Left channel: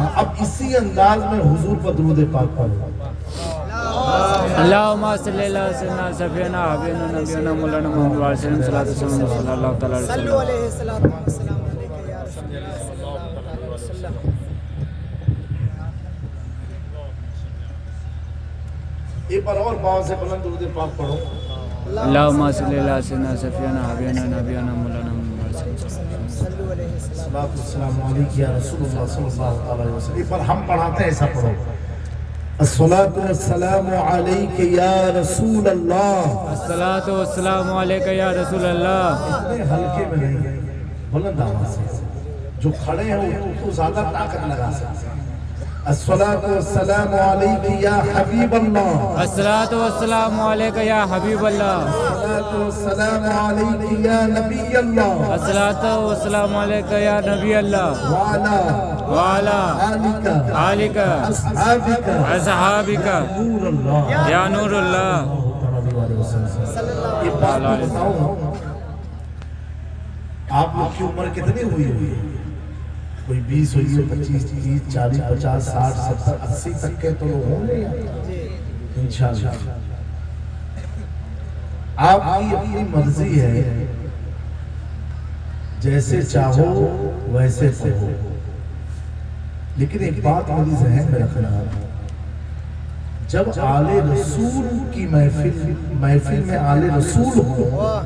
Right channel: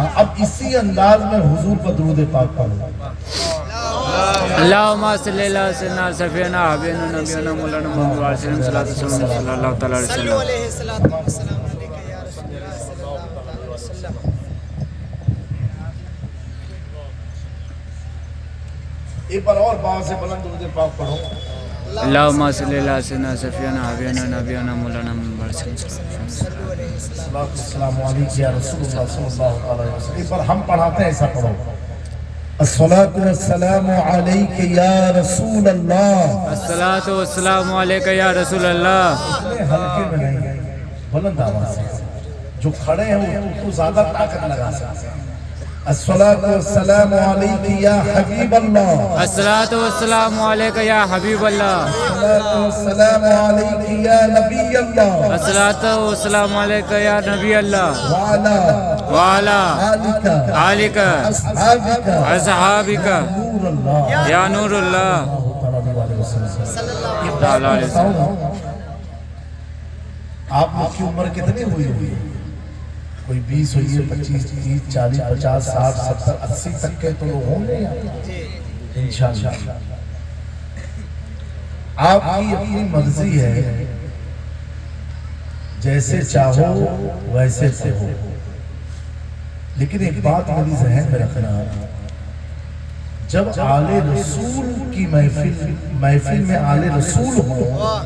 ہاں اب اسی انداز میں حضور پر درود پاک پڑھو. اللہم صلی اللہ سیدنا سفینا حبیبنا نبینا مولانا محمد وسلم صلی اللہ تعالی علیہ وسلم. ایک بار اور باؤ سے بلند درود پاک پڑھو. اللہم صلی اللہ سیدنا سفینا حبیبنا نبینا مولانا محمد وسلم صلی اللہ علیہ وسلم. السلام علیکم یا رسول اللہ صلی اللہ علیہ وسلم. ایک بار ہم پڑھاتے ہیں ایسا پڑھو. الصلاۃ والسلام علیک یا رسول اللہ. الصلاۃ والسلام علیک یا رسول اللہ. اتنے ہلکے میں نہیں ہے، بلند آواز سے. جو کھڑے ہیں وہ تو زیادہ طاقت لگا سکتے ہیں. الصلاۃ والسلام علیک یا حبیب اللہ. الصلاۃ والسلام علیک یا حبیب اللہ. الصلاۃ والسلام علیک یا نبی اللہ. الصلاۃ والسلام علیک یا نبی اللہ. وعلی وعلی آلک آلک اصحابک اصحابک نور اللہ. یا نور اللہ. آپ لوگ کی عمر کتنی ہوئی ہے؟ کوئی 20 ہوئی ہے، 25، 30، 40، 50، 60، 70، 80 تک کے تو لوگ ہوں گے انشاءاللہ. آپ کی اپنی مرضی ہے، جیسے چاہو ویسے کہو. لیکن ایک بات میری ذہن میں رکھنا، جب آل رسول کی محفل میں آل رسول ہو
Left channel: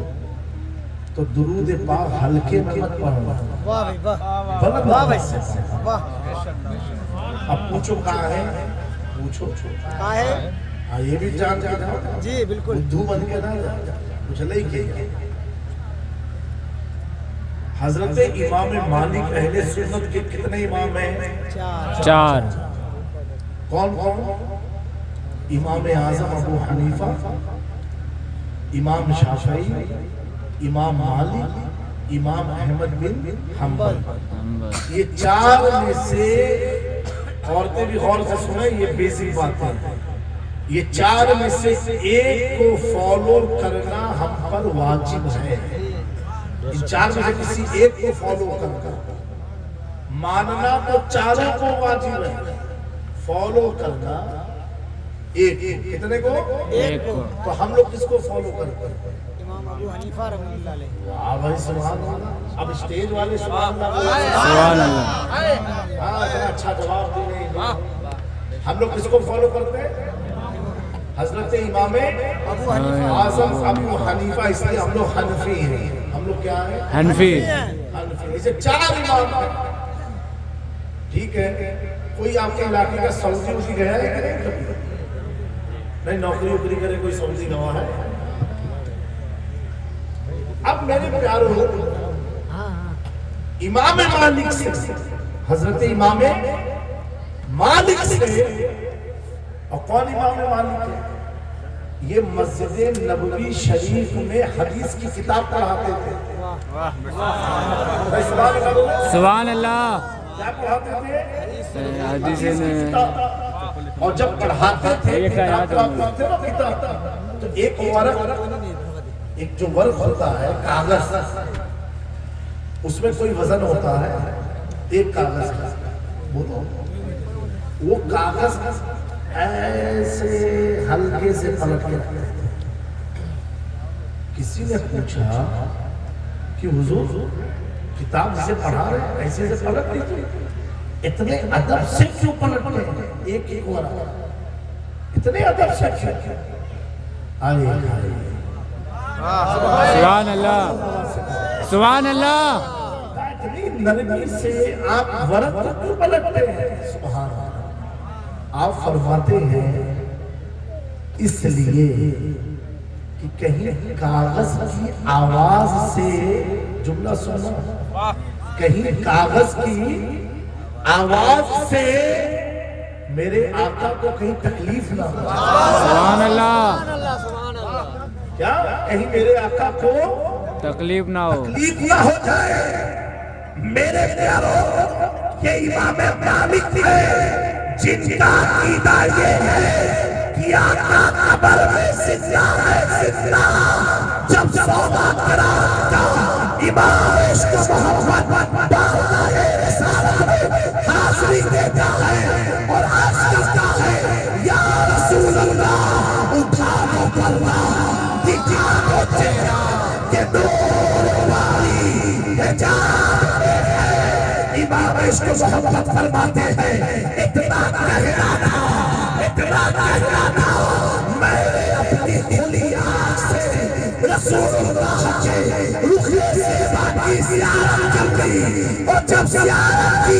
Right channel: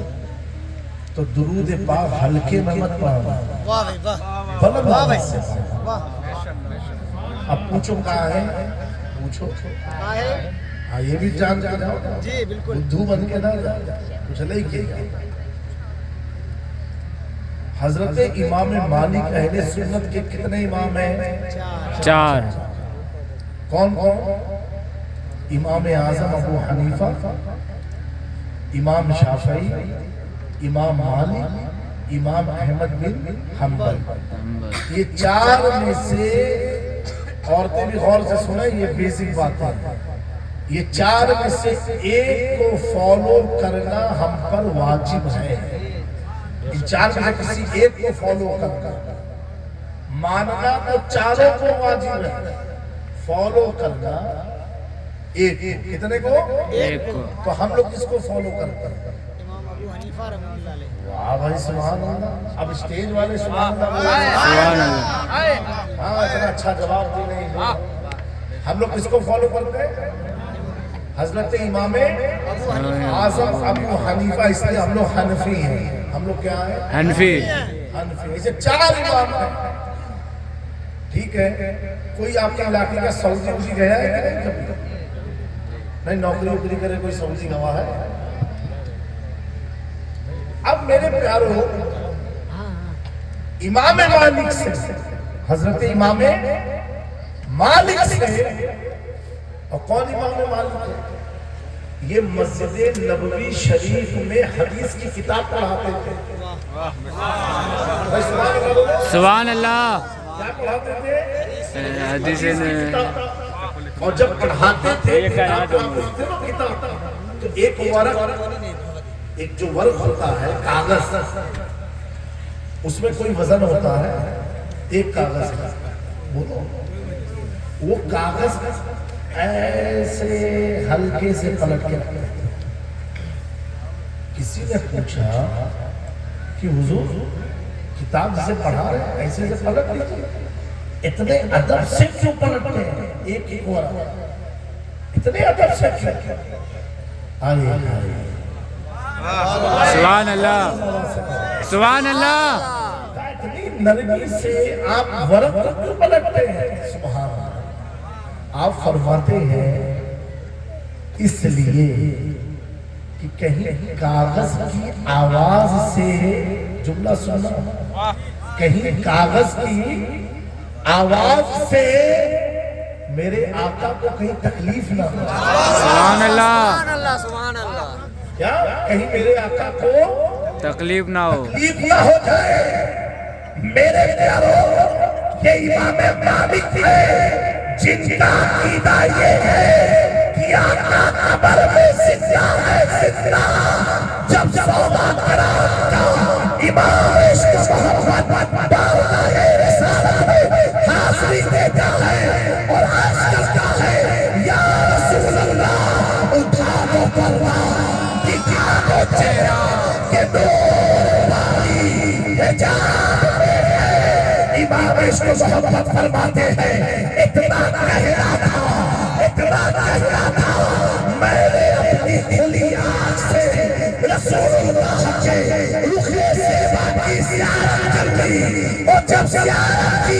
تو درود پاک ہلکے میں مت پڑھنا، بلند آواز سے. اب پوچھو کہاں ہے، پوچھو ہاں یہ بھی جان کے جاؤ جی بالکل بدھو بن کے نہ کچھ نہیں کیا. حضرت امام مالک اہل سنت کے کتنے امام ہیں؟ 4. کون کون؟ امام اعظم ابو حنیفہ، امام شافعی، امام مالک، امام احمد بن حنبل. یہ 4 میں سے عورتیں بھی غور سے سنیں، یہ بیسک باتیں ہیں. یہ 4 میں سے ایک کو فالو کرنا ہم پر واجب ہے. ان 4 میں سے کسی ایک کو فالو کرنا، ماننا تو 4 کو واجب ہے، فالو کرنا ایک. کتنے کو؟ ایک کو. تو ہم لوگ کس کو فالو کرتے ہیں؟ ہاں بھائی سبحان اللہ. اب اسٹیج والے سبحان اللہ. سبحان اللہ. ہاں اتنا اچھا جواب دی نہیں. ہم لوگ کس کو فالو کرتے ہیں؟ حضرت امام اعظم ابو حنیفہ. اس لیے ہم لوگ حنفی ہیں. ہم لوگ کیا ہیں؟ حنفی. حنفی. اسے 4 امام ہیں. ٹھیک ہے. کوئی آپ کے علاقے کا سعودی اسی گیا ہے کہ نہیں کبھی؟ نہیں نوکری وکری کرے کوئی سعودی گواہ ہے؟ اب میرے پیاروں، امام مالک سے، حضرت امام مالک سے، اور کون امام مالک ہے؟ یہ مسجد نبوی شریف میں حدیث کی کتاب پڑھاتے تھے. سبحان اللہ. کیا پڑھاتے تھے؟ حدیث اور جب پڑھاتے تھے تو ایک ورق، ایک جو ورق ہوتا ہے کاغذ، اس میں کوئی وزن ہوتا ہے ایک کاغذ کا. وہ کاغذ ایسے ہلکے سے پلٹ کے. کسی نے پوچھا کہ حضور کتاب سے پڑھا رہے ایسے سے پلٹ لیجیے، اتنے ادب سے کیوں پلٹتے ہیں؟ ایک ایک ورق اتنے ادب سے کیوں؟ آئے سبحان اللہ. سبحان اللہ. اتنی نرمی سے آپ ورق کو کیوں پلٹتے ہیں؟ سبحان اللہ. آپ فرماتے ہیں اس لیے کہ کہیں کاغذ کی آواز سے، جملہ سننا، کہیں کاغذ کی آواز سے میرے آقا کو کہیں تکلیف نہ ہو. سبحان اللہ. کیا کہیں میرے آقا کو تکلیف نہ ہو. تکلیف نہ ہو جائے. میرے پیاروں، یہ امام مالک ہے جن کا عقیدہ یہ ہے کہ آقا قبر میں زندہ ہے. زندہ جب سودا کرا امام عشق محمد بارگاہ رسالت میں حاضری دے گا इमाम इसको मोहब्बत फरमाते हैं, इतना कहना था, इतना कहना था, मैंने अपनी खुली आँख से रसूलुल्लाह के रुखिए से बाकी ज़ियारत कर ली, और जब ज़ियारत की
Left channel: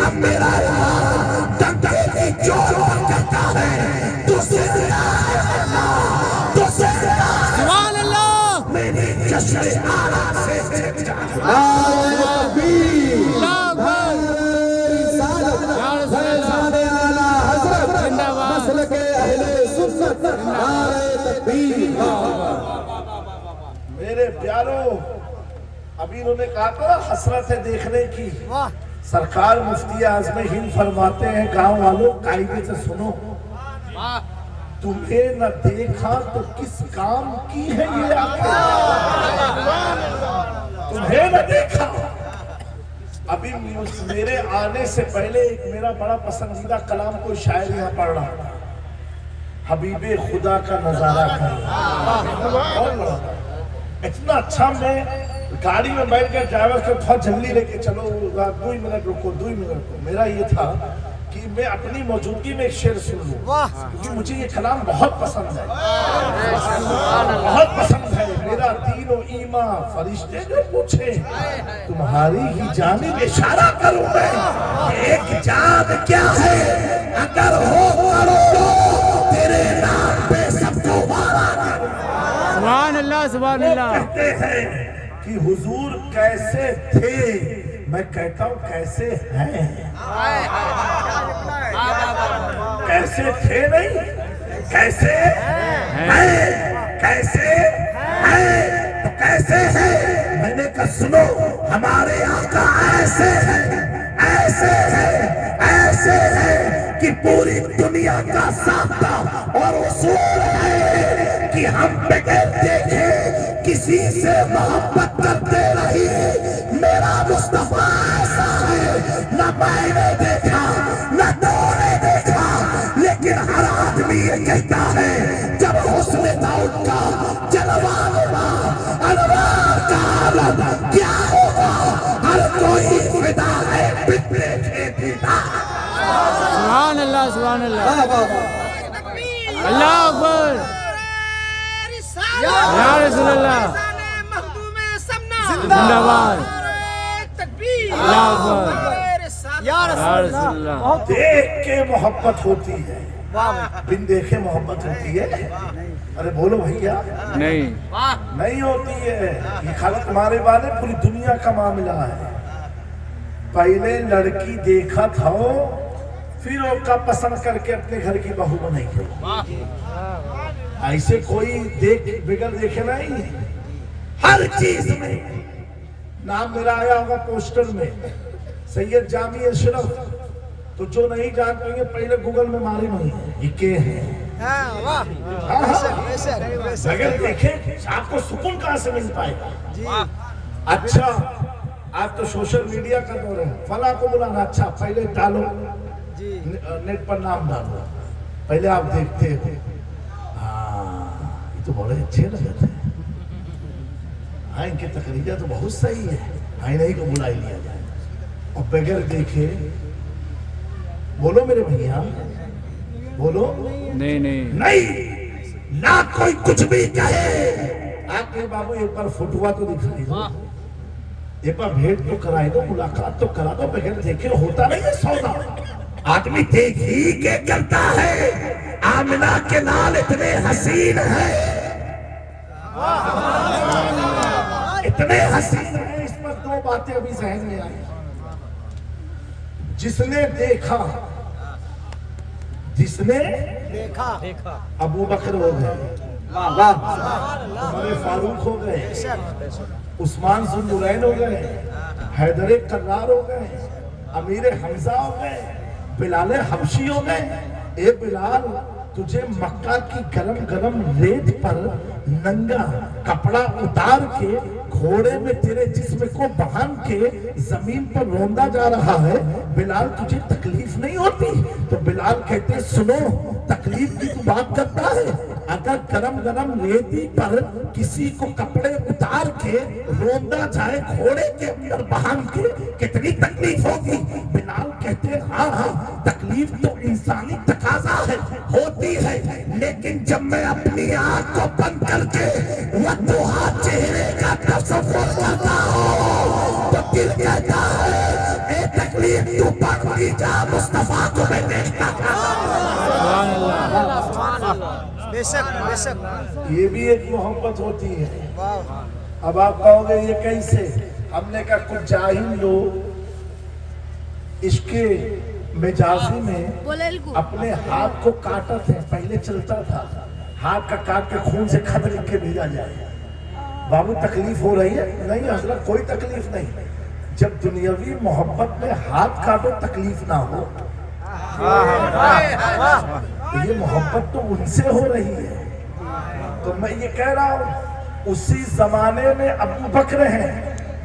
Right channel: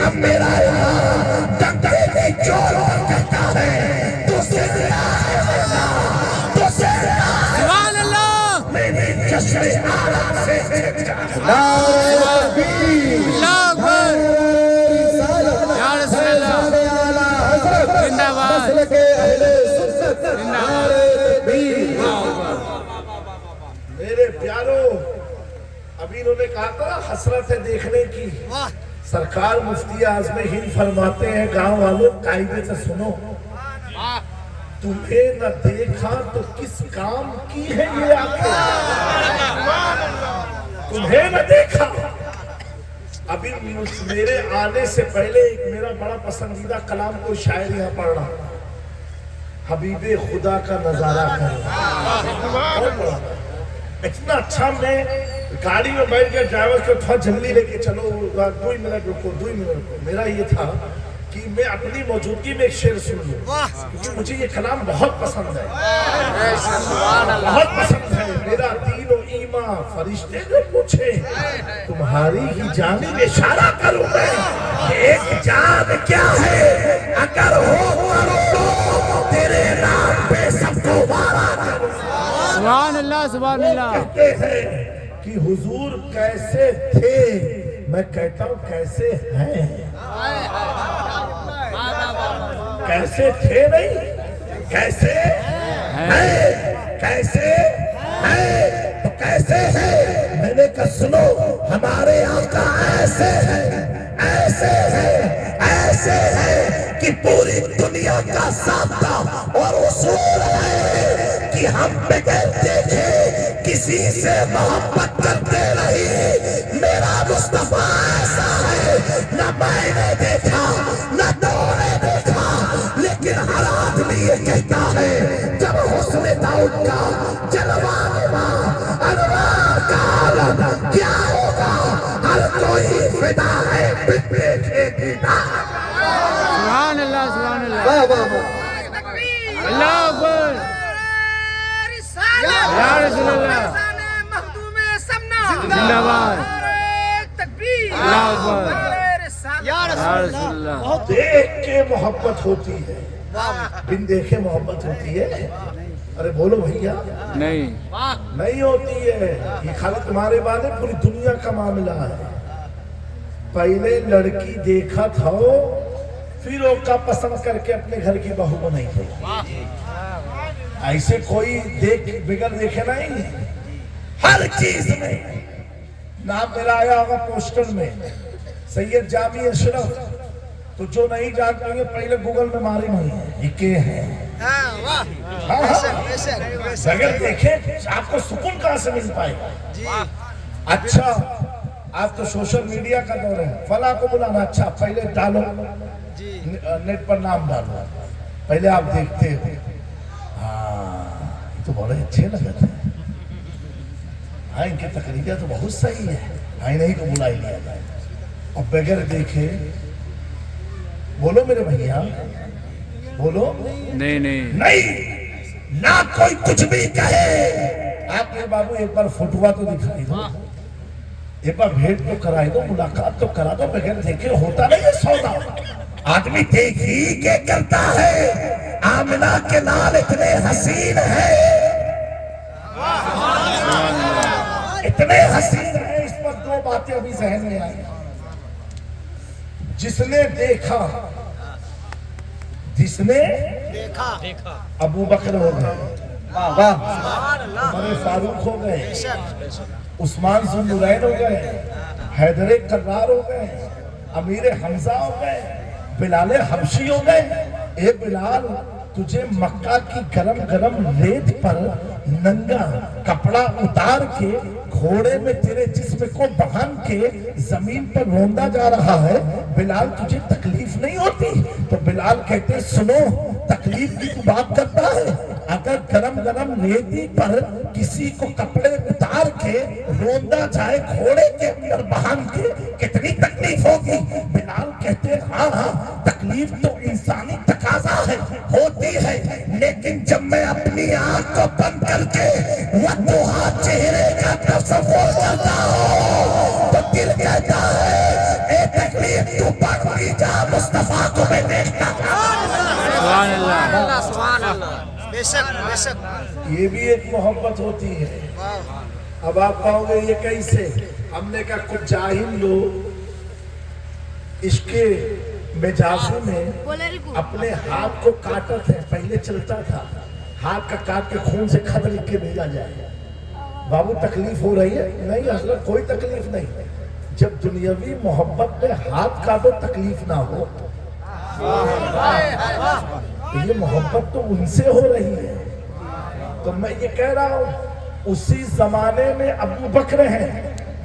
अब मेरा इमाम डंके की चोट पर कहता है, तुझसे सुभान अल्लाह मेरी जश्न आला से अल्लाह अकबर या रसूल अल्लाह जिंदाबाद जिंदाबाद अल्लाह अकबर। मेरे प्यारों, अभी इन्होंने कहा था हसरत है देखने की। सरकार मुफ्ती आज़म हिंद फरमाते हैं, गांव वालों कायदे से सुनो, तुम्हें न देखा तो किस काम की है ये आंखें? तुम्हें न देखा। अभी मेरे आने से पहले एक मेरा बड़ा पसंदीदा कलाम कोई शायर यहाँ पढ़ रहा था, हबीबे खुदा का नजारा कर। इतना अच्छा, मैं गाड़ी में बैठ कर ड्राइवर को थोड़ा जल्दी लेके चलो, 2 मिनट रुको, 2 मिनट रुको। मेरा ये था कि मैं अपनी मौजूदगी में एक शेर सुन लूं, क्योंकि मुझे ये कलाम बहुत पसंद है, बहुत पसंद है। मेरा दीन और ईमान फरिश्ते जो पूछे, तुम्हारी ही जानिब इशारा करूं मैं, एक जान क्या है अगर हो तो तेरे नाम पे सबको वारा करूं। सुभान अल्लाह सुभान अल्लाह। कहते हैं कि हुजूर कैसे थे, मैं कहता हूं कैसे हैं। कैसे थे नहीं, कैसे हैं, कैसे हैं, तो कैसे हैं। मैंने कहा सुनो, हमारे आका ऐसे हैं, ऐसे हैं, ऐसे हैं कि पूरी दुनिया का सामना और उसूल है कि हम बगैर देखे किसी से मोहब्बत करते रहे। मेरा मुस्तफा ऐसा है, न मैंने देखा न तूने देखा, लेकिन हर आदमी ये कहता है जब हुस्न था उनका जलवा अनवार का आलम क्या होगा, हर कोई फिदा है बिन देखे बिना। सुभान अल्लाह सुभान अल्लाह। अल्लाह अकबर या रसूल अल्लाह जिंदाबाद अल्लाह अकबर या रसूल अल्लाह। देख के मोहब्बत होती है, बिन देखे मोहब्बत होती है। अरे बोलो भैया, नहीं नहीं होती है। ये खाली तुम्हारे बाद है, पूरी दुनिया का मामला है। पहले लड़की देखा था, फिर उसका पसंद करके अपने घर की बहू बनाई। ऐसे कोई देख बिगड़ देखे नहीं, हर चीज में। नाम मेरा आया होगा पोस्टर में, सैयद जामी अशरफ। तो जो नहीं जानते होंगे पहले गूगल में मारे नहीं है, ये के है। बगैर देखे आपको सुकून कहां से मिल पाएगा। अच्छा, आज तो सोशल मीडिया का दौर है, फला को बुलाना, अच्छा पहले डालो नेट पर नाम डालो, पहले आप देखते हो। ये तो बड़े अच्छे लगते हैं, हाँ इनके तकरीरें तो बहुत सही है, हाँ नहीं को बुला लिया जाए। और बगैर देखे, बोलो मेरे भैया, बोलो नहीं नहीं नहीं, ना कोई कुछ भी कहे। आपके बाबू एक बार फोटुआ तो दिखाई दो, एक बार भेंट तो कराई दो, मुलाकात तो करा दो। बगैर देखे होता नहीं है सौदा। आदमी देख ही के करता है। आमिना के लाल इतने हसीन है, इतने हसीन है। इस पर 2 बातें अभी जहन में आई। जिसने देखा, जिसने देखा अबू बकर हो गए, उमर फारूक हो गए, उस्मान ज़ुन्नुरैन हो गए, हैदर कर्रार हो गए, अमीर हमजा हो गए, बिलाल हबशी हो गए। ए बिलाल, तुझे मक्का की गरम गरम रेत पर नंगा कपड़ा उतार के घोड़े में तेरे जिस्म को बांध के जमीन पर रौंदा जा रहा है। बिलाल, तुझे तकलीफ नहीं होती। तो बिलाल कहते सुनो, तकलीफ की तू बात करता है, अगर गरम गरम रेती पर किसी को कपड़े उतार के रोंदा जाए घोड़े के अंदर बांध के, कितनी तकलीफ होगी। बिलाल कहते हाँ हाँ, तकलीफ तो इंसानी तकाजा है, होती है, लेकिन जब मैं अपनी आंख को बंद करके वह चेहरे का तस्वीर करता हूँ तो दिल कहता है ए तकलीफ तू बढ़ती जा, मुस्तफा को मैं देखता सुभान अल्लाह। बेशक बेशक, ये भी एक मोहब्बत होती है। अब आप कहोगे ये कैसे? हमने कहा कुछ जाहिल लोग इसके मिजाजी में अपने हाथ को काटते हैं। पहले चलता था हाथ का काट के खून से खत लिख के भेजा जाए, बाबू तकलीफ हो रही है, नहीं हजरत कोई तकलीफ नहीं। जब दुनियावी मोहब्बत में हाथ काटो तकलीफ ना हो, तो ये मोहब्बत तो उनसे हो रही है। तो मैं ये कह रहा हूँ उसी जमाने में अबू बकर हैं,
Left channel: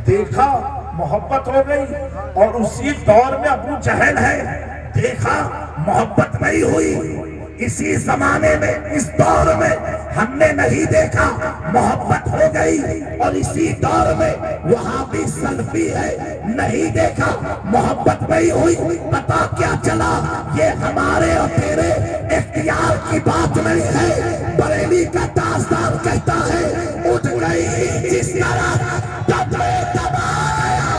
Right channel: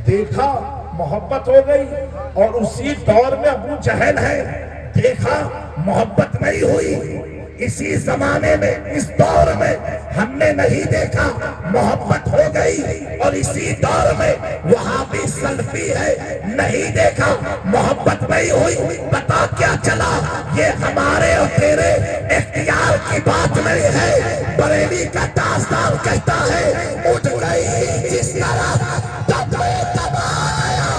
देखा मोहब्बत हो गई, और उसी दौर में अबू जहल है, देखा मोहब्बत नहीं हुई। इसी जमाने में इस दौर में हमने नहीं देखा मोहब्बत हो गई, और इसी दौर में वहां भी सल्फी है, नहीं देखा मोहब्बत नहीं हुई। पता क्या चला, ये हमारे और तेरे इख्तियार की बात नहीं है। बरेली का ताजदार कहता है उठ गई जिस तरह तब में तबाया,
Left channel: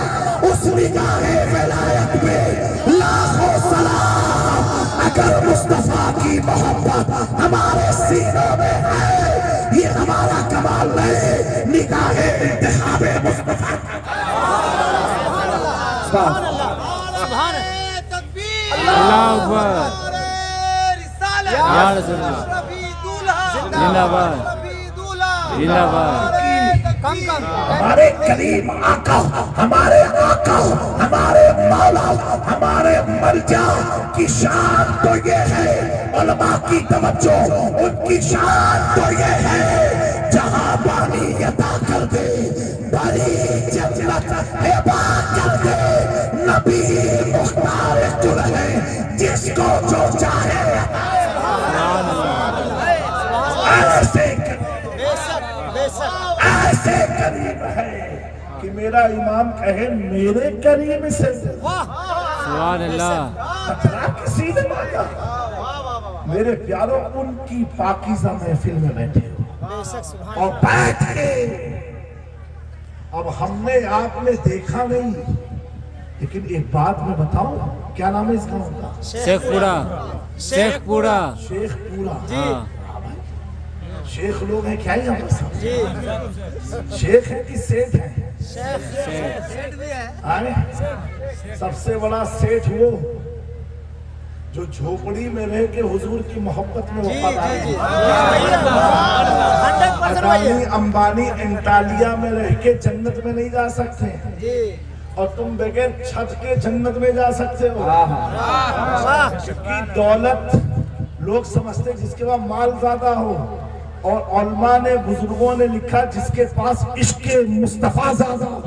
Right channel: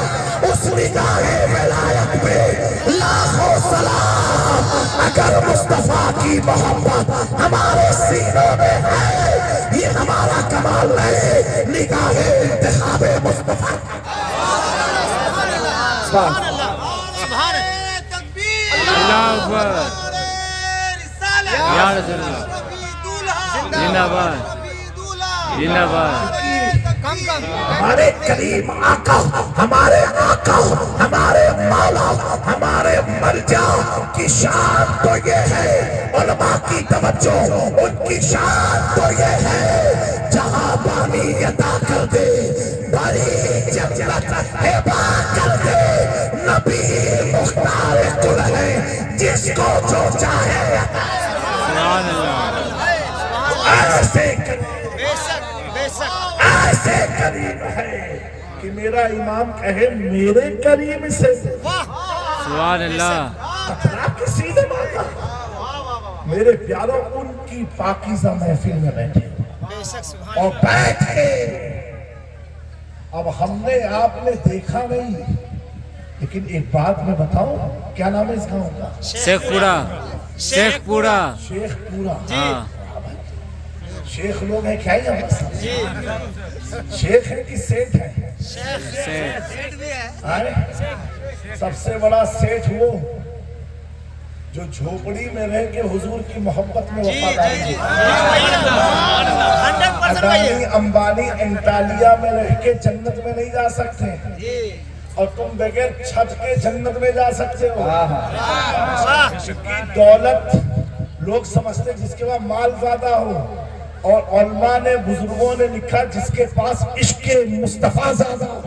उस निगाहे विलायत पे लाखों सलाम। अगर मुस्तफा की मोहब्बत हमारे सीनों में है, ये हमारा कमाल है, निगाहे इंतखाबे मुस्तफा। अल्लाह अकबर, या रसूल अल्लाह, जिंदाबाद जिंदाबाद। हमारे करीम आका, हमारे आका, हमारे मौला, हमारे मर्जा की शान तो ये है, उलमा की तवज्जो उनकी शान तो ये है, जहां बानी अदा कर दे, बड़ी जन्नत हिबा कर दे, नबी मुख्तार कुल है, जिसको जो चाहे सुभान अल्लाह। ऐसे बेशक बेशक, ऐसे करीम है कि मेरा इमाम कहे मेरे करीम से सुभान अल्लाह। खतरा किसी ने मांगा। मेरे प्यारों, उनकी पाकीज़ा महफिल में बैठे बेशक, सुभान और बैठ के, अब हमने आपने देखा नहीं, लेकिन एक बात मैं बताऊं, क्या नाम है इस गांव का? शेखपुरा, शेखपुरा। शेखपुरा। हाँ, शेख लोग हैं क्या ही हम बस? शेख है कि सेठ है? शेख। आए? सबसे बड़ा सेठ वो जो झोपड़ी में रह के हुजूर की मोहब्बत में वफादार है। अडानी अंबानी एंटालिया में रह के जन्नत में नहीं जा सकते, और तुम बगैर छत के जन्नत में जा सकते हो। क्योंकि दौलत लोग समझते जिसके पास माल ज्यादा हो, और उलमा ने, बुजुर्गों ने लिखा जिसके पास इश्क मुस्तफा ज्यादा हो।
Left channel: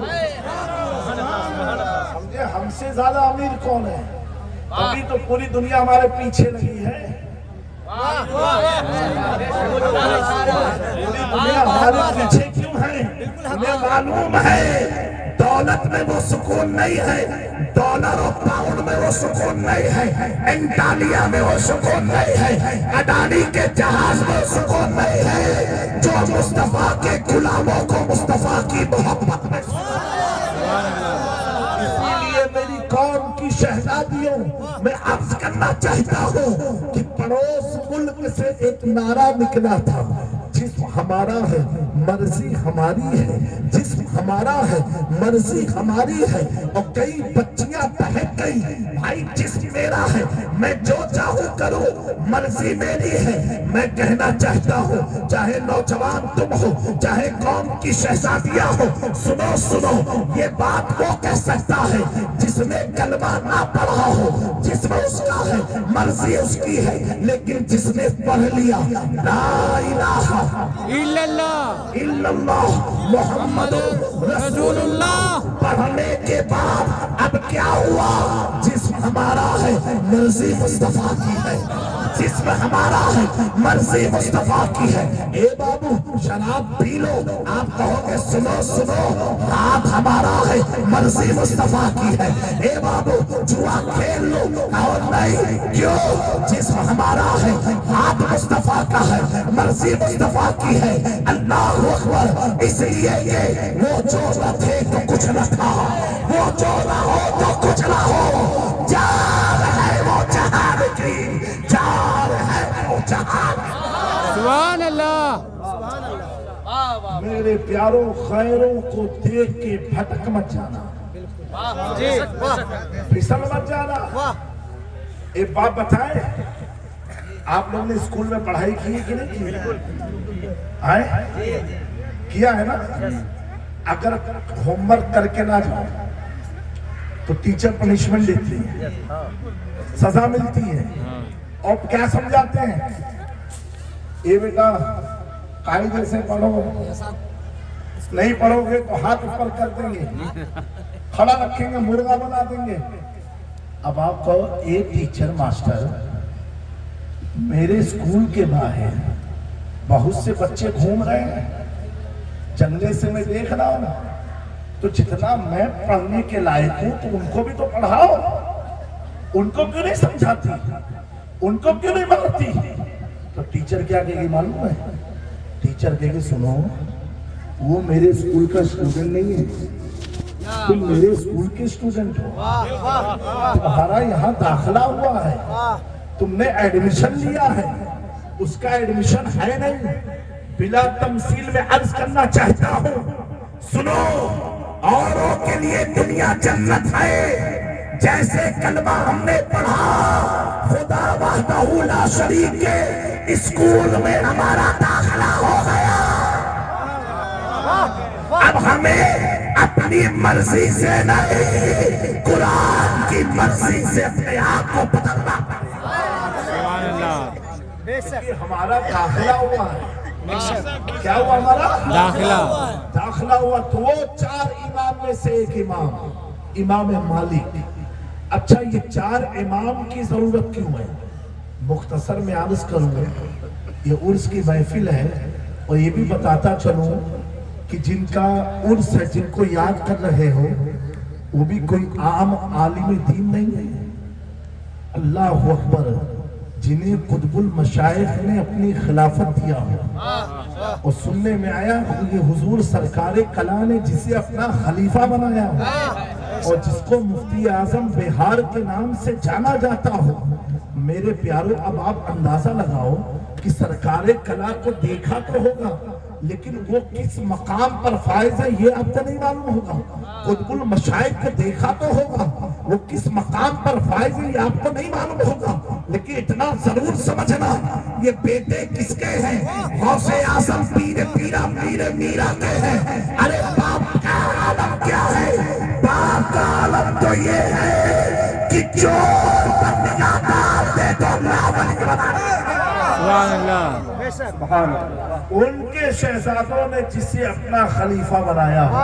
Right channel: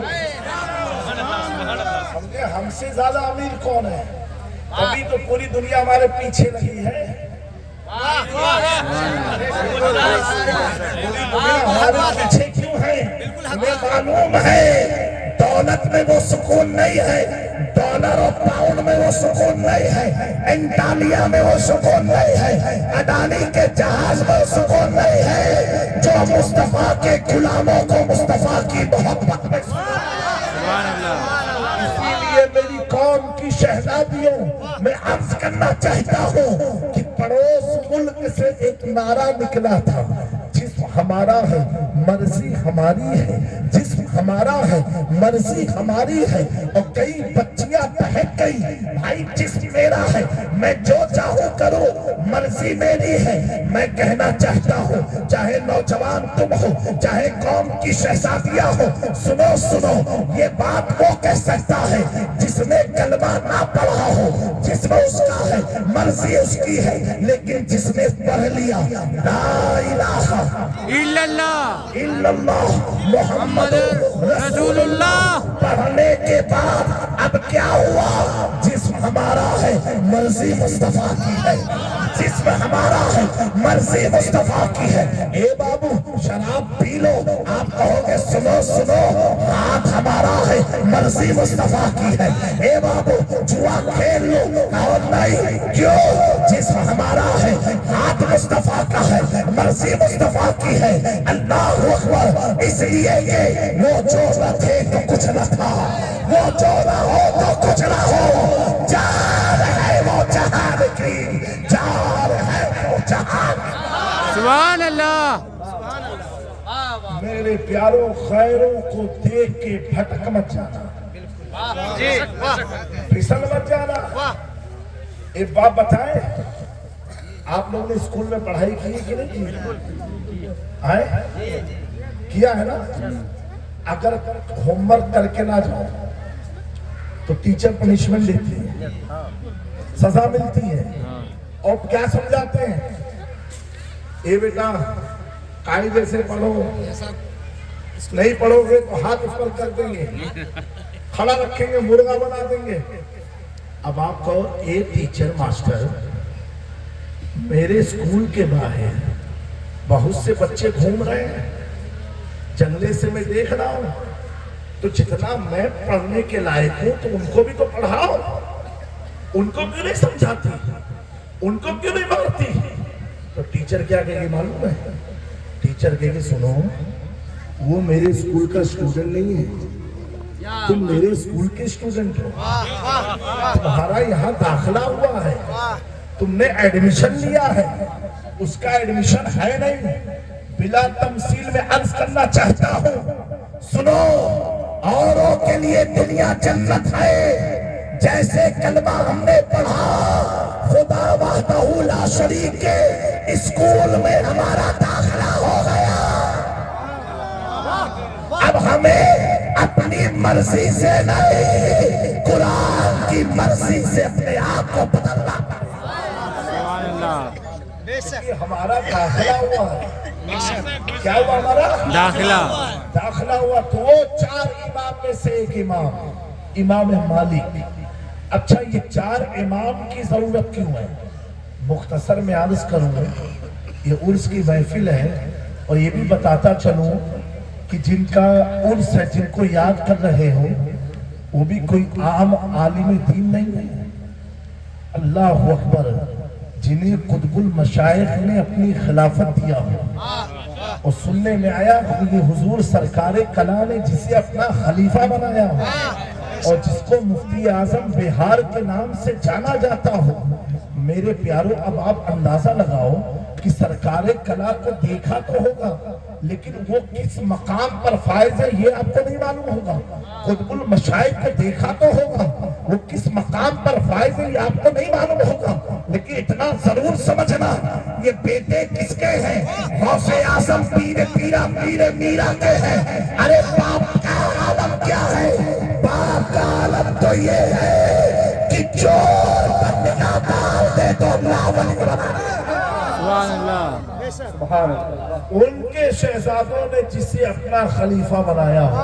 समझे, हमसे ज्यादा अमीर कौन है? अभी तो पूरी दुनिया हमारे पीछे लगी है, पूरी दुनिया हमारे पीछे क्यों है? हमें मालूम है दौलत में वो सुकून नहीं है, डॉलर और पाउंड में वो सुकून नहीं है, एंटालिया में वो सुकून नहीं है, अडानी के जहाज में सुकून नहीं है, जो मुस्तफा के गुलामों को मुस्तफा की मोहब्बत में। सुभान अल्लाह। इसीलिए मेरी कौम की शहजादियों, मैं अर्ज करना चाहता हूँ कि पड़ोस मुल्क से एक नारा निकला था, जिस्म हमारा है मर्जी हमारी है, जिस्म हमारा है मर्जी हमारी है, और कई बच्चियां बहक गई, भाई जिस्म मेरा है, मैं जो चाहूं करूं, मर्जी मेरी है। मैं कहना चाहता हूं, चाहे नौजवान तुम हो, चाहे कौम की शहजादियां हो, सुनो सुनो, ये बात वो कह सकता है जिसने कलमा ना पढ़ा हो, जिसमें उसका है मर्जी उसकी है, लेकिन जिसने पढ़ लिया ला इलाहा इल्लल्लाह मुहम्मद रसूलुल्लाह, पढ़ने के बाद अब क्या हुआ? जिस ہمارا ہے مرضی مصطفیٰ کی ہے، جسم ہمارا ہے مرضی مصطفیٰ کی ہے۔ اے بابو شراب پی لو، آپ کہو گے سنو سنو، ہاتھ ہمارا ہے مرضی مصطفیٰ کی ہے۔ اے بابو جوا کھیل لو، کہو نہیں، کیوں؟ جسم ہمارا ہے، ہاتھ مصطفیٰ کا ہے، مرضی مصطفیٰ کی ہے۔ اللہ اکبر، اس لیے کہ وہ جو نہ تھے تو کچھ نہ تھا، وہ جو نہ ہو تو کچھ نہ ہو، جان ہے وہ جہان کی، جان ہے وہ جہان کی۔ سبحان اللہ۔ میرے پیاروں، غیروں کو دیکھ کے بھٹک مت جانا، جی واہ پھسل مت جانا۔ واہ ایک بات بتائیں، آپ لوگ نے اسکول میں پڑھائی کی ہے کہ نہیں کی؟ آئے کیا ہے نا؟ اگر ہوم ورک کر کے نہ جاؤ تو ٹیچر پنشمنٹ دیتی ہے، سزا ملتی ہے، اور کیا سمجھاتے ہیں؟ اے بیٹا قاعدے سے پڑھو، نہیں پڑھو گے تو ہاتھ اوپر کر دیں گے، کھڑا رکھیں گے، مرغا بنا دیں گے۔ اب آپ کہو اے ٹیچر ماسٹر، میرے اسکول کے باہر بہت سے بچے گھوم رہے ہیں، جنگلے سے میں دیکھ رہا ہوں، تو جتنا میں پڑھنے کے لائق ہوں تو ان کو بھی تو پڑھاؤ، ان کو کیوں نہیں سمجھاتی، ان کو کیوں نہیں مارتی؟ تو ٹیچر کیا کہے گی معلوم ہے؟ ٹیچر کہے گی سنو، وہ میرے اسکول کا اسٹوڈنٹ نہیں ہے، تم میرے اسکول کے اسٹوڈنٹ ہو، تمہارا یہاں داخلہ ہوا ہے، تم نے ایڈمیشن لیا ہے، اس کا ایڈمیشن ہے نہیں۔ بلا تمثیل میں عرض کرنا چاہتا ہوں، سنو، اوروں کے لیے دنیا جنت ہے، جیسے کلمہ ہم نے پڑھا، خدا وحدہ لا شریک کے اسکول میں ہمارا داخلہ ہو گیا، اب ہمیں اپنی مرضی سے نہیں، قرآن کی مرضی سے اپنے آپ کو بدلنا پڑے۔ سبحان اللہ۔ بے شک ہمارا داخلہ ہوا ہے، کیا ہوا ہمارا داخلہ ہوا، تو وہ 4 امام میں سے ایک امام مالک۔ اچھا، یہ 4 امام کی ضرورت کیوں ہے؟ مختصر میں عرض کروں گا، یہ عرس کی محفل ہے، اور یہ بھی بتاتا چلوں کہ جن کا عرس ہے، جن کو یاد کر رہے ہو، وہ بھی کوئی عام عالم دین نہیں ہے۔ اللہ اکبر، جنہیں قطب المشائخ نے اپنی خلافت دیا ہو، اور سننے میں آیا کہ یہ حضور سرکار کلا نے جسے اپنا خلیفہ بنایا ہو، اور جس کو مفتی اعظم بہار کے نام سے جانا جاتا ہو۔ میرے پیاروں، اب آپ اندازہ لگاؤ کہ سرکار کلا کو دیکھا تو ہوگا، لیکن وہ کس مقام پر فائز ہے یہ آپ کو نہیں معلوم ہوگا۔ قطب المشائخ کو دیکھا تو ہوگا، وہ کس مقام پر فائز ہے یہ آپ کو نہیں معلوم ہوگا، لیکن اتنا ضرور سمجھنا، یہ بیٹے کس کے ہیں؟ غوث اعظم پیر پیرا پیر میرا کے ہیں۔ ارے باپ کا عالم کیا ہے؟ باپ کا عالم تو یہ ہے کہ چور بندگاں مار دے تو لاول بنا دے۔ سبحان اللہ۔ بے شک ان کے شہزادوں نے جسے اپنا خلیفہ بنایا ہو،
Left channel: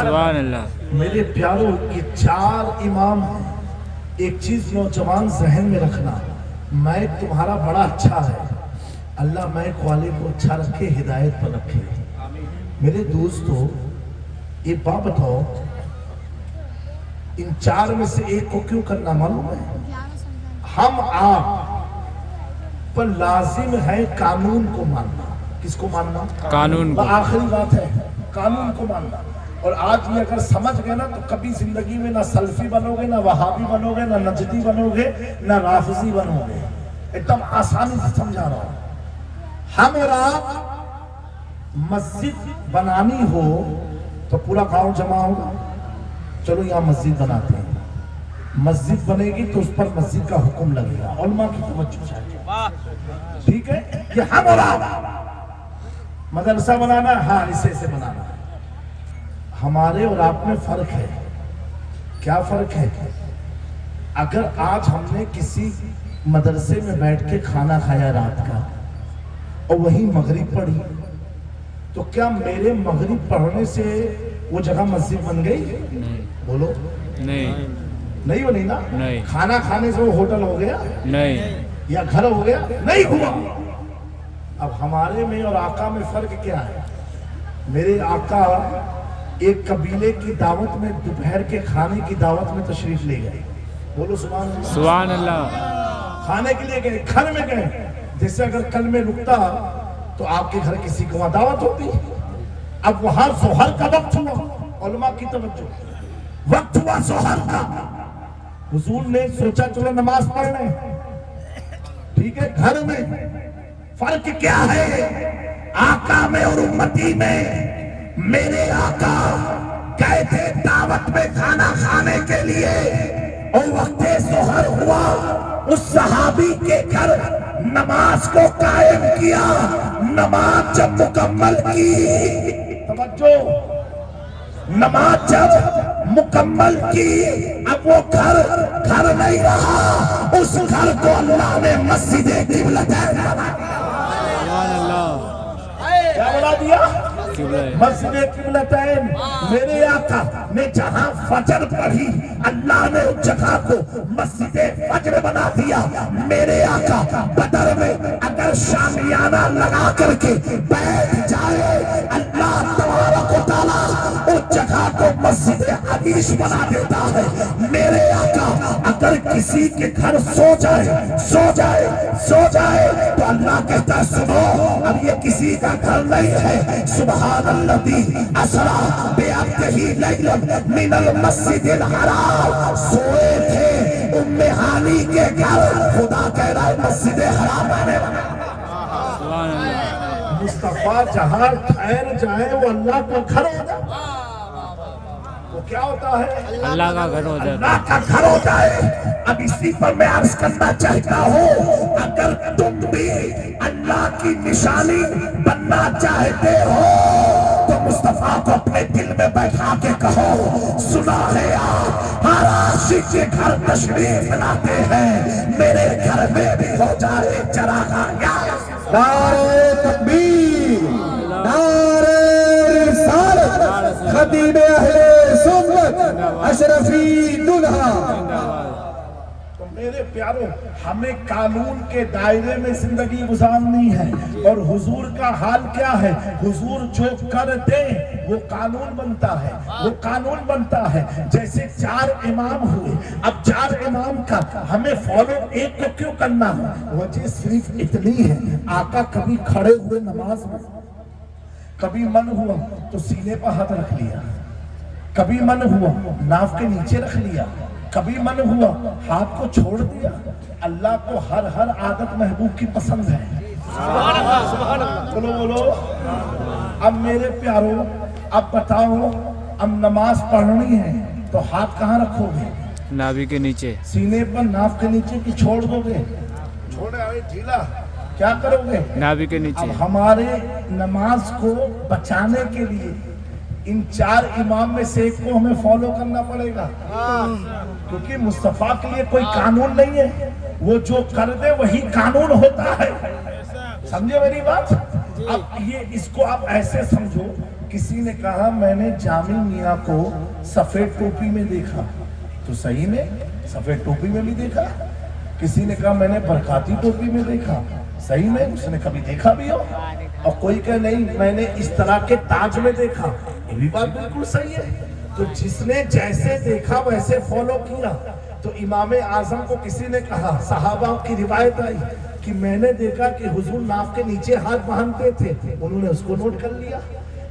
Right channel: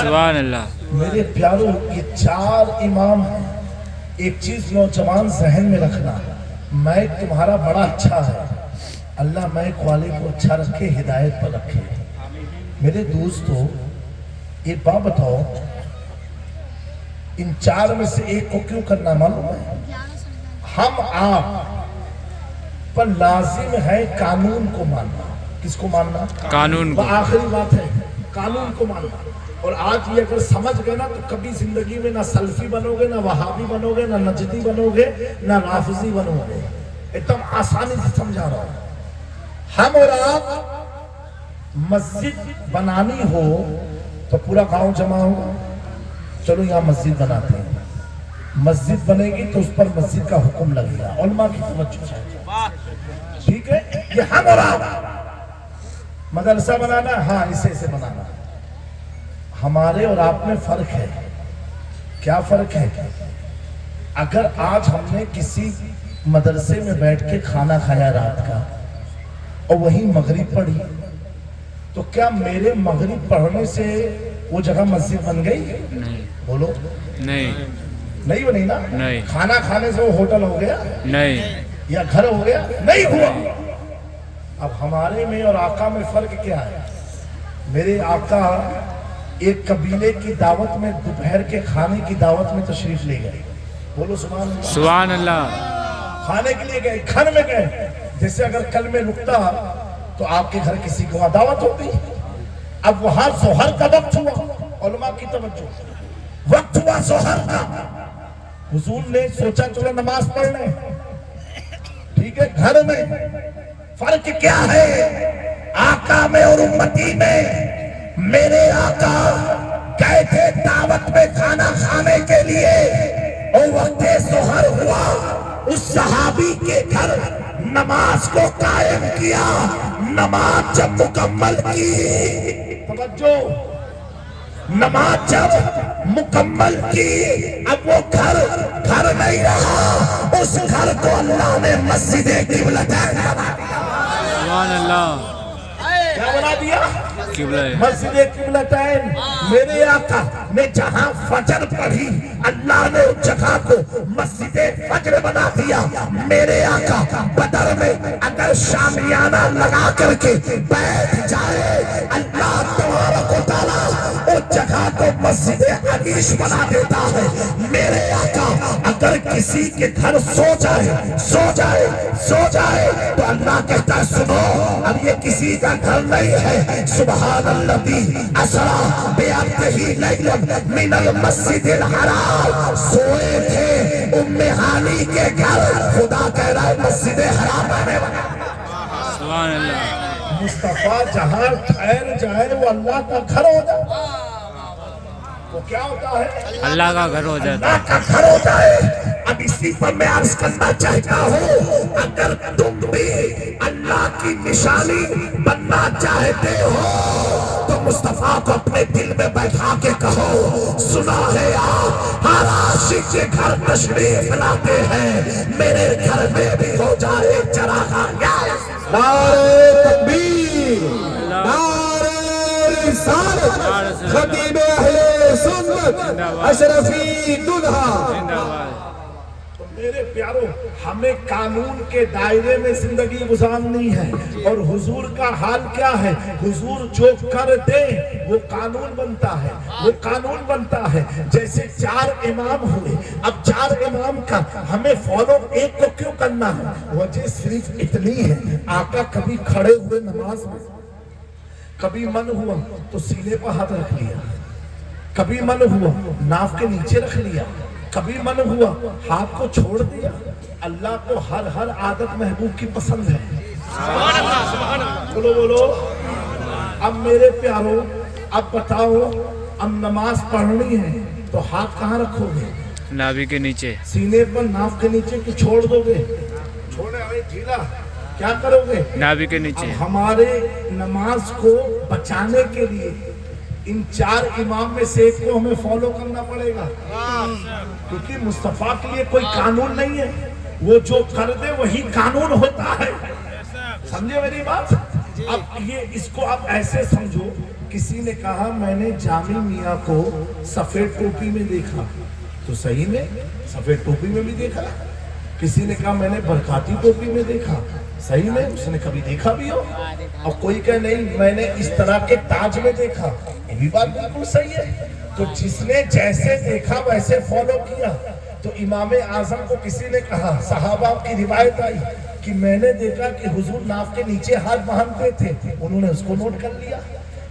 سبحان اللہ۔ میرے پیاروں، یہ 4 امام ہیں۔ ایک چیز نوجوان ذہن میں رکھنا، مائک تمہارا بڑا اچھا ہے، اللہ مائک والے کو اچھا رکھے، ہدایت پر رکھے۔ میرے دوستو، ایک بات بتاؤ، ان 4 میں سے ایک کو کیوں کرنا معلوم ہے؟ ہم آپ پر لازم ہے قانون کو ماننا۔ کس کو ماننا؟ قانون کو۔ آخری بات ہے، قانون کو ماننا۔ اور آج یہ اگر سمجھ گئے نا تو کبھی زندگی میں نہ سلفی بنو گے، نہ وہابی بنو گے، نہ نجدی بنو گے، نہ رافضی بنو گے۔ ایک دم آسانی سے سمجھا رہا ہوں۔ ہم اور آپ مسجد بنانی ہو تو پورا گاؤں جمع ہوگا، چلو یہاں مسجد بناتے ہیں، مسجد بنے گی تو اس پر مسجد کا حکم لگے گا، علماء کی توجہ چاہیے، ٹھیک ہے؟ یہ ہم اور آپ مدرسہ بنانا، ہاں اسے سے بنانا۔ ہمارے اور آپ میں فرق ہے۔ کیا فرق ہے؟ اگر آج ہم نے کسی مدرسے میں بیٹھ کے کھانا کھایا رات کا اور وہیں مغرب پڑھی، تو کیا میرے مغرب پڑھنے سے वो जगह मस्जिद बन गई? नहीं बोलो, नहीं नहीं बनी ना? नहीं। खाना खाने से वो होटल हो गया नहीं या घर हो गया? नहीं हुआ। अब हमारे में और आका में फर्क क्या है? मेरे आका एक कबीले की दावत में दोपहर के खाने की दावत में तशरीफ ले गए। बोलो सुभान अल्लाह। सुभान अल्लाह। खाने के लिए गए, घर में गए। जैसे अगर कल में रुकता तो आपके घर किसी को वहां दावत होती। अब वहां जोहर का वक्त हुआ, उलमा की तवज्जो, वक्त हुआ जोहर का। हुजूर ने सोचा चलो नमाज पढ़ने, ठीक है, घर में। फर्क क्या है आका में और उम्मती में? मेरे आका गए थे दावत में खाना खाने के लिए, और वक्त जोहर हुआ, उस सहाबी के घर नमाज को कायम किया। नमाज जब मुकम्मल की, तवज्जो, नमाज जब मुकम्मल की, अब वो घर नहीं रहा, उस घर को अल्लाह ने मस्जिद किबलतैन बना दिया। सुभान अल्लाह। क्या बना दिया? किबला है। मस्जिद किबलतैन। मेरे आका ने जहां फजर पढ़ी, अल्लाह ने उस जगह को मस्जिद फजर बना दिया। मेरे आका बदर में अगर शामियाना लगा करके बैठ जाए, अल्लाह तबारक व तआला उस जगह को मस्जिद अनीस बना देता है। मेरे आका अगर किसी के घर सो जाए तो अल्लाह कहता है सुनो, अब ये किसी का घर नहीं है। सुभान अल्लज़ी असरा बिअब्दिही लैलन मिनल मस्जिदिल हराम। सोए थे उम्मे हानी के घर, खुदा कह रहा है मस्जिद हराम मैंने बनाया। सुभान अल्लाह। मुस्तफा जहां ठहर जाए वो अल्लाह का घर हो जाए। वो क्या होता है? अल्लाह का घर हो जाता अल्लाह का घर हो जाए। अब इसी पर मैं अर्ज करना चाहता हूँ, अगर तुम भी अल्लाह की निशानी बनना चाहते हो तो मुस्तफा को अपने दिल में बैठा के कहो, सुना है आप हर आशिक के घर तशरीफ लाते हैं, मेरे घर में भी हो जाए चरागाह। नारे तकबीर, नारे रिसालत, खतीब अहले सुन्नत, अशरफी दुल्हा जिंदाबाद। मेरे प्यारों, हमें कानून के दायरे में जिंदगी गुजारनी है। और हुजूर का हाल क्या है? हुजूर जो कर दे वो कानून बनता है, वो कानून बनता है। जैसे 4 इमाम हुए, अब 4 इमाम का हमें फॉलो एक को क्यों करना है? वजह सिर्फ इतनी है, आका कभी खड़े हुए नमाज में, कभी मन हुआ तो सीने पर हाथ रख लिया, कभी मन हुआ नाव के नीचे रख लिया, कभी मन हुआ हाथ को छोड़ दिया। अल्लाह को हर आदत महबूब की पसंद है। बोलो बोलो। अब मेरे प्यारों, अब बताओ, अब नमाज पढ़नी है तो हाथ कहाँ रखोगे? नाभि के नीचे। सीने पर नाव के नीचे कि छोड़ दोगे? छोड़े अरे ढीला, क्या करोगे? नाभि के नीचे। अब हमारे नमाज को बचाने के लिए इन 4 इमाम में से एक को हमें फॉलो करना पड़ेगा, क्योंकि मुस्तफा के लिए कोई कानून नहीं है, वो जो कर दे वही कानून होता है। समझे मेरी बात? अब ये इसको आप ऐसे समझो, किसी ने कहा मैंने जामी मियाँ को सफेद टोपी में देखा, तो सही में सफेद टोपी में भी देखा। किसी ने कहा मैंने बरकाती टोपी में देखा, सही में उसने कभी देखा भी हो। और कोई कहे नहीं मैंने इस तरह के ताज में देखा, ये भी बात बिल्कुल सही है। तो जिसने जैसे देखा वैसे फॉलो किया। तो इमाम आजम को किसी ने कहा, सहाबा की रिवायत आई कि मैंने देखा कि हुजूर नाव के नीचे हाथ बांधते थे, उन्होंने उसको नोट कर लिया।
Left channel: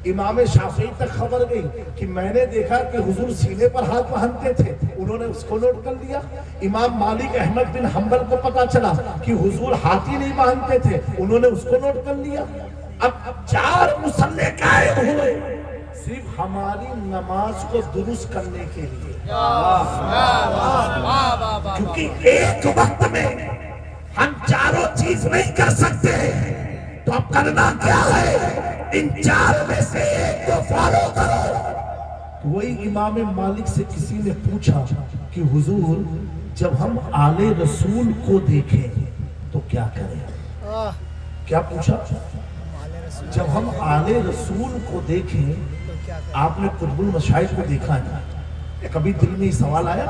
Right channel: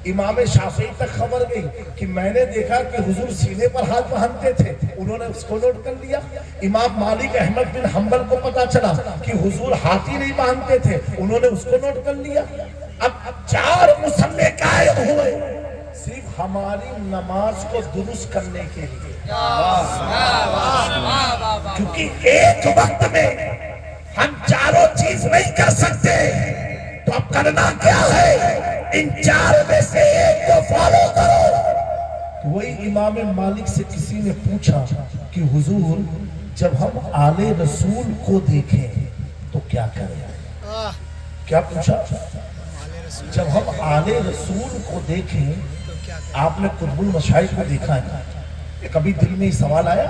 इमाम शाफी तक खबर गई कि मैंने देखा कि हुजूर सीने पर हाथ बांधते थे, उन्होंने उसको नोट कर लिया। इमाम मालिक अहमद बिन हंबल को पता चला कि हुजूर हाथी नहीं बांधते थे, उन्होंने उसको नोट कर लिया। अब 4 मुसल्ले कायम हुए सिर्फ हमारी नमाज को दुरुस्त करने के लिए, क्योंकि एक वक्त में हम चारों चीज नहीं कर सकते। तो अब करना क्या है? इन 4 में से एक को फॉलो करो। तो वही इमाम मालिक से किसी ने पूछा कि हुजूर जब हम आले रसूल को देखें तो क्या करें? क्या पूछा? जब हम आले रसूल को देखें آپ نے قطب المشاہد کو دیکھا ہے، کبھی دل میں یہ سوال آیا